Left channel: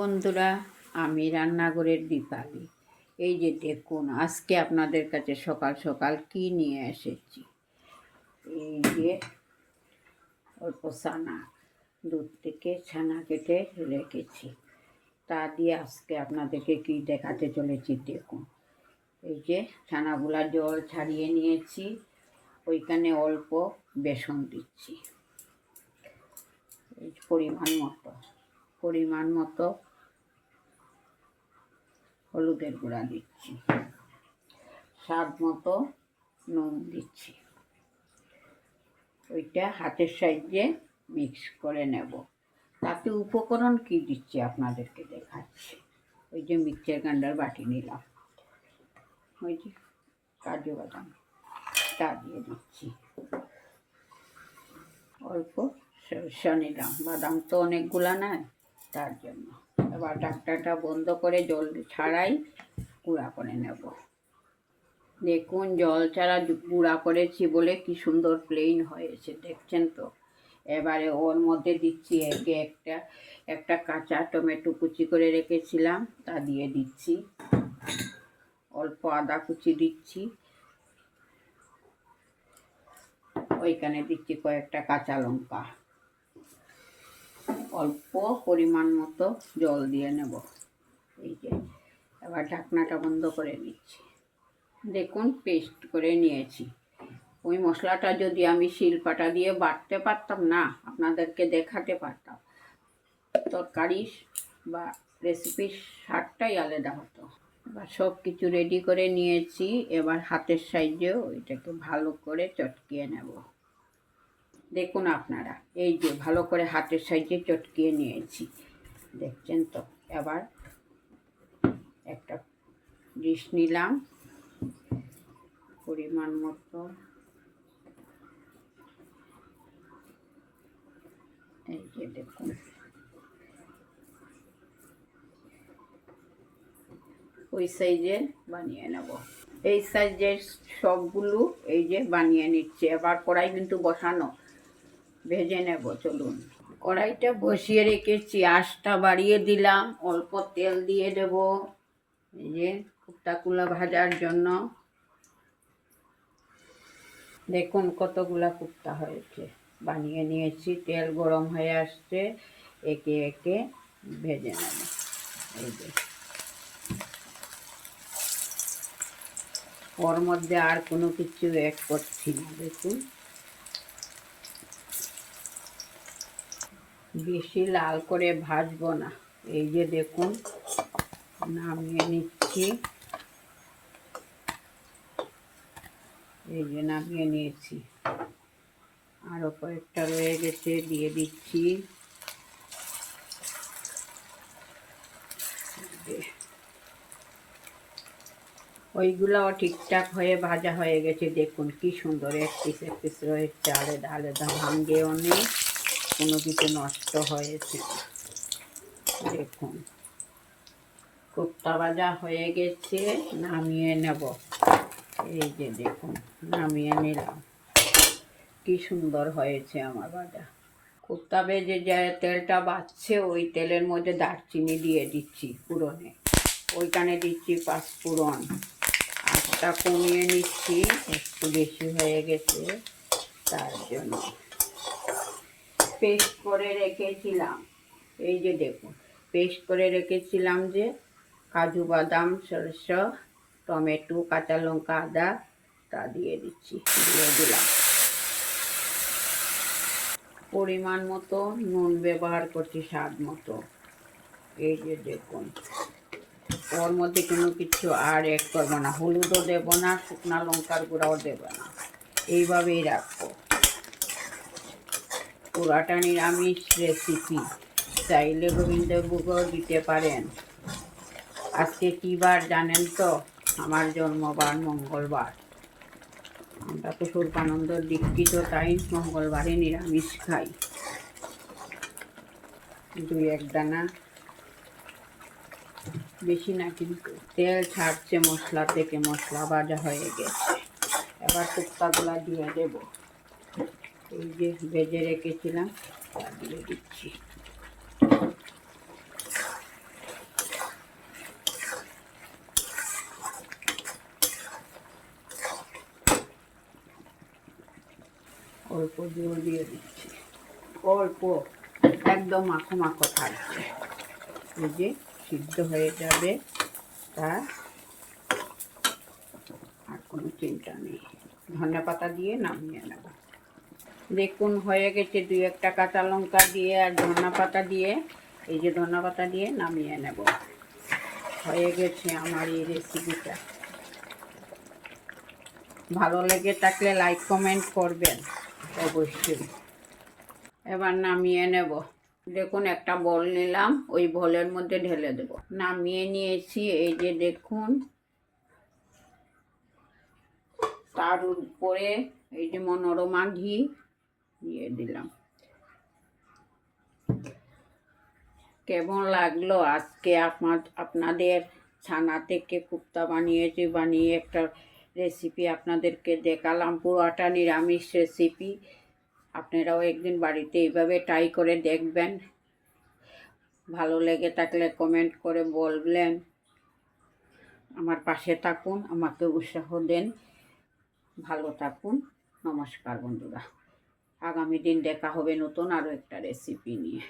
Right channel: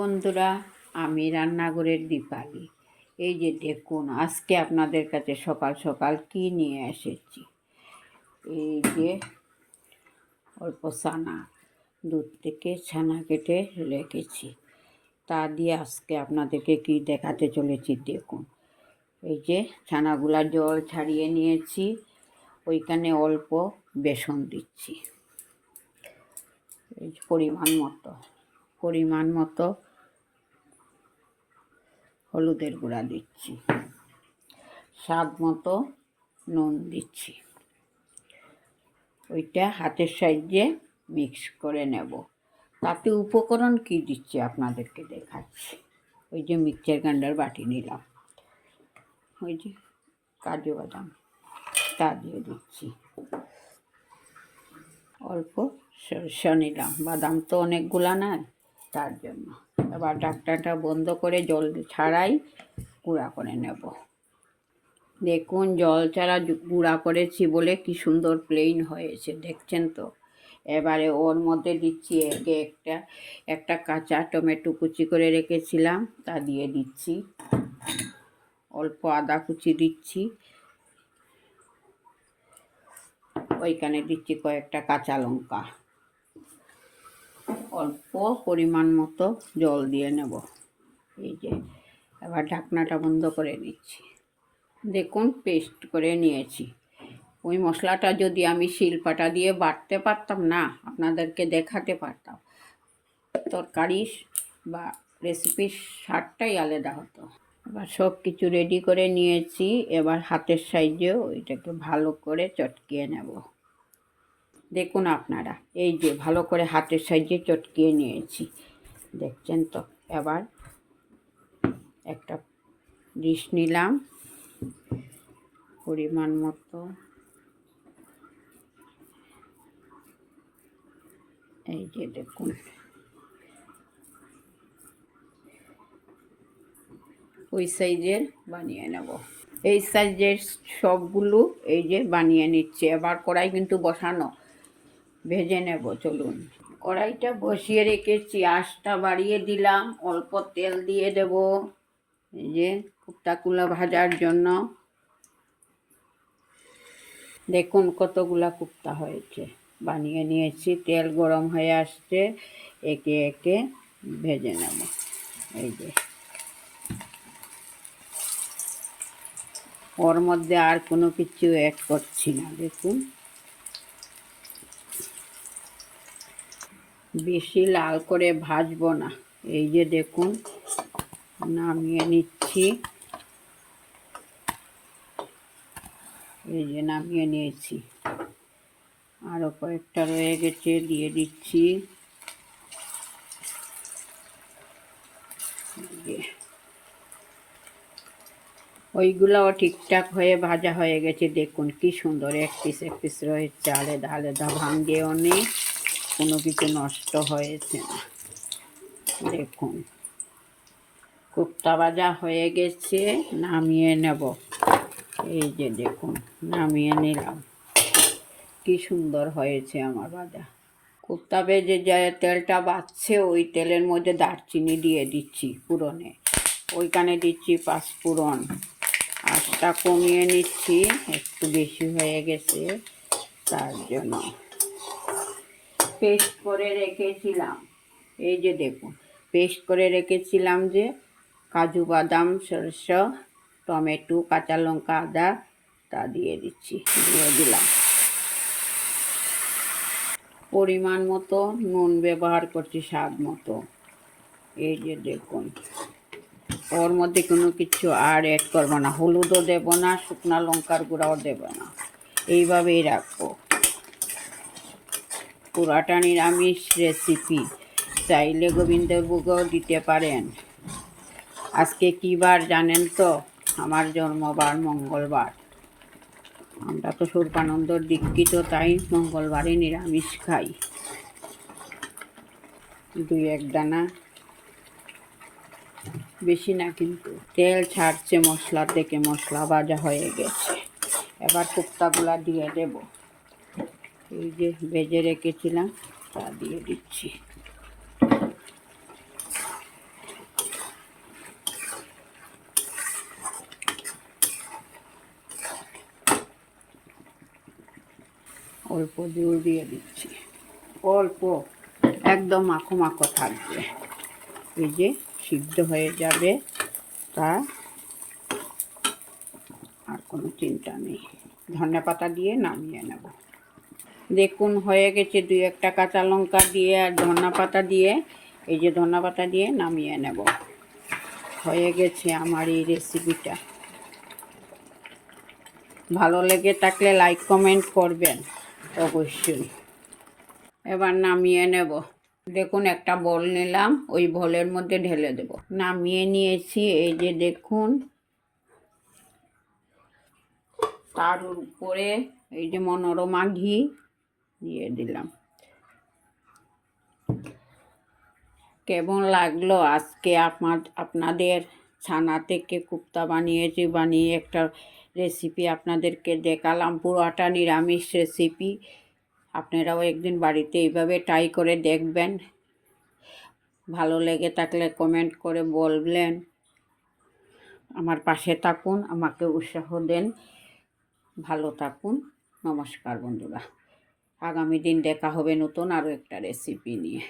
বন্ধুরা, আমি রান্নাঘরের দীপালি। এই যে দেখুন, আজকে আপনাদের কাছে সকাল সকাল কি নিয়ে এসেছি। এই যে অল্প ছানা, দুধ থেকে ছানা কেটে রেখেছি, তা দিয়ে আজকে আপনাদেরকে কি দেখাতে চলেছি দেখুন। এই যে ছানাগুলা জল ছাড়িয়ে নিয়েছি, ওইখানে অল্প বেসন দিচ্ছি, এই পরিমাণ মতো হলুদের গুঁড়া দিচ্ছি, স্বাদ মতো নুন দিচ্ছি। ওইটা হাতের সাহায্যে মিক্স করে নেব। তাতে উপকরণ কি দিচ্ছি আপনাদেরকে দেখাচ্ছি। ওই যে মিক্সচার গ্রাইন্ডার বাটি নিলাম, ওই যে কাজু বাদাম তা দিয়ে দিচ্ছি, অল্প সরষে নিলাম, বাদাম তো অনেকগুলা নাই তার জন্য। এবার ঢাকনাটা বন্ধ করে জল ছাড়াই গুঁড়া করে নেব। দেখুন, জল ছাড়া গুঁড়া করেছি বলে কি সুন্দর প্লেন হয়েছে, দেখছেন তো। এবারে ওর মধ্যে দিচ্ছি একটা কাঁচা টমেটো কুচি করে রেখেছিলাম, তা দিয়ে দিচ্ছি। অল্প আদা কুচি দিচ্ছি, ওইখানে দিচ্ছি কয়েকটা কাঁচা লঙ্কা, অল্প পরিমাণ মতো জল দিয়ে নেব। এই যে এবার ঢাকনাটা বন্ধ করে দিচ্ছি। দেখুন, পেস্ট করে নিয়েছি। ওই মশলাটা যদি আমি শিলপাটা দিয়ে বাটতে পারতাম না, আপনাদেরকে দেখাতে পারতাম, তরকারি বা রেসিপির স্বাদটাই আলাদা হতো। এবার সব কিছু রেডি করে নিয়েছি, এবার হাতের সাহায্যে ওইটাকে ভালো করে চটকিয়ে নেব। দেখুন আপনারা, এই যে ভালো করে হাতের সাহায্যে চটকিয়ে নিয়েছি, দেখছেন তো। এবার একটা ডিশ নিলাম, পরিমাণ মতো এই যে দেখুন, ওই সাইজের বানিয়ে নেব। এই সাইজের সবগুলো এই যে বানিয়ে নিচ্ছে। এবার কড়াই কিন্তু বসানো, ভেজে নেব। চলুন, কড়াইটা বসিয়ে রেখেছি, আঁচটা বাড়িয়ে দিলাম, অল্প তেল দিয়ে দেব এই যে কুপ্তাগুলো ভাজার জন্য। দেখুন কতগুলা কুপ্তা হয়েছে, বানিয়ে নিয়েছি। তেল গরম হয়ে আসছে, একে একে ভেজে নেব। এই যে ওর মধ্যে আর কোনো কিছু অ্যাড করছি না। দেখুন, বেশি লাল করে ভাজবো না। এই যে দেখুন, নামিয়ে নিচ্ছি। এই যে নামিয়ে নিয়েছি, আরও কয়েকটা রয়ে গেছে, দিয়ে দিচ্ছি। ওইগুলাও ঠিকঠাক হয়ে ভাজা হয়ে গেছে। দেখুন কি সুন্দর এক পিস রয়েছে, আলাদা আলাদা, ভাঙ্গেও নেই, কোনো কিছু নষ্ট হয়েছে না। দেখুন, কুপ্তা ভাজা হয়ে গেছে, নামিয়ে নেব। এই যে দেখুন, নামিয়ে নিলাম। কি সুন্দর হয়েছে আমার ভাজা। কুপ্তা ভেজে যে তেলটা বাঁচছে, ওই তেলের মধ্যে দারচিনি দিয়ে দিচ্ছি ফোড়নে, ওইখানে দিচ্ছি পাঁচফোড়ন। আঁচটা কমিয়ে নিচ্ছি, একটু বেশি হয়ে গেছে তার জন্য। পেস্ট করে রেখেছিলাম, এই যে দেখুন, পেস্ট করে রেখেছিলাম যে কাজু বাদাম, সরষে, টমেটো, কাঁচা লঙ্কা, আদা, তা দিয়ে দিচ্ছি, দিয়ে দিলাম। পরিমাণ মতো নুন ব্যবহার করছি, স্বাদ মতো। এই যে দেখুন, ওর মধ্যে কোনো কিছু আর অ্যাড করবো না, হলুদও দেব না, শুকনো লঙ্কার গুঁড়াও দেব না, এইভাবেই রাখবো। পুরাটা নিরামিষ রেসিপি, চাইলে গোবিন্দভোগও দিতে পারেন। আজকে কী বার জানেন তো? আমার জন্মবার মঙ্গলবার। আমরা তো স্বরূপানন্দর দীক্ষিত, তাই মঙ্গলবারে নিরামিষ খাই। 2-1 দানা, বেশি না কিন্তু। তেল ছাড়ছে মশলা থেকে, মশলা ভাজা হয়ে গেছে। এবার কুপ্তাগুলা দিয়ে দেব, এই যে ভেজে রেখেছিলাম তা দিয়ে দিচ্ছি। অল্প জল দিয়ে দিচ্ছি, অল্প, একদম মাখো মাখো থাকবে। এই যে সিদ্ধ হয়ে যাবে, তার আর কোনো চিন্তা নেই। ধনেপাতা দিয়ে নামিয়ে নেব। দেখুন হয়ে গেছে, 2-1টা কাঁচা লঙ্কা দিয়ে আর ধনেপাতা দিয়ে, এই যে ধনেপাতা দিয়ে নামিয়ে নেব। হয়ে গেছে আমার এই রেসিপিটা। ভালো লেগে থাকলে লাইক কমেন্ট করবেন অবশ্যই। এবার নামিয়ে নেব। দেখুন একটা বল নিলাম, ওই বলের মধ্যে ঢেলে দেব। নামিয়ে নিয়েছি, এই যে দেখুন। তার উপরে এই যে মনোরমা ঘি দিয়ে দিলাম। কেমন লাগলো আজকে আপনাদের ছানা থেকে কোপ্তা বানিয়ে একটা রেসিপি আপনাদেরকে দেখালাম। পুরোটা নিরামিষ রেসিপি। আপনারাও একদিন বাড়িতে এইভাবে ট্রাই করে দেখবেন। ভালো লেগে থাকলে কমেন্ট করে বলবেন। আমার পাশে থাকুন, আমাকে উৎসাহ দেন। ভালো থাকুন। নমস্কার বন্ধুরা। আগামী দিন দেখা হবে নতুন আরও একটা রেসিপি নিয়ে।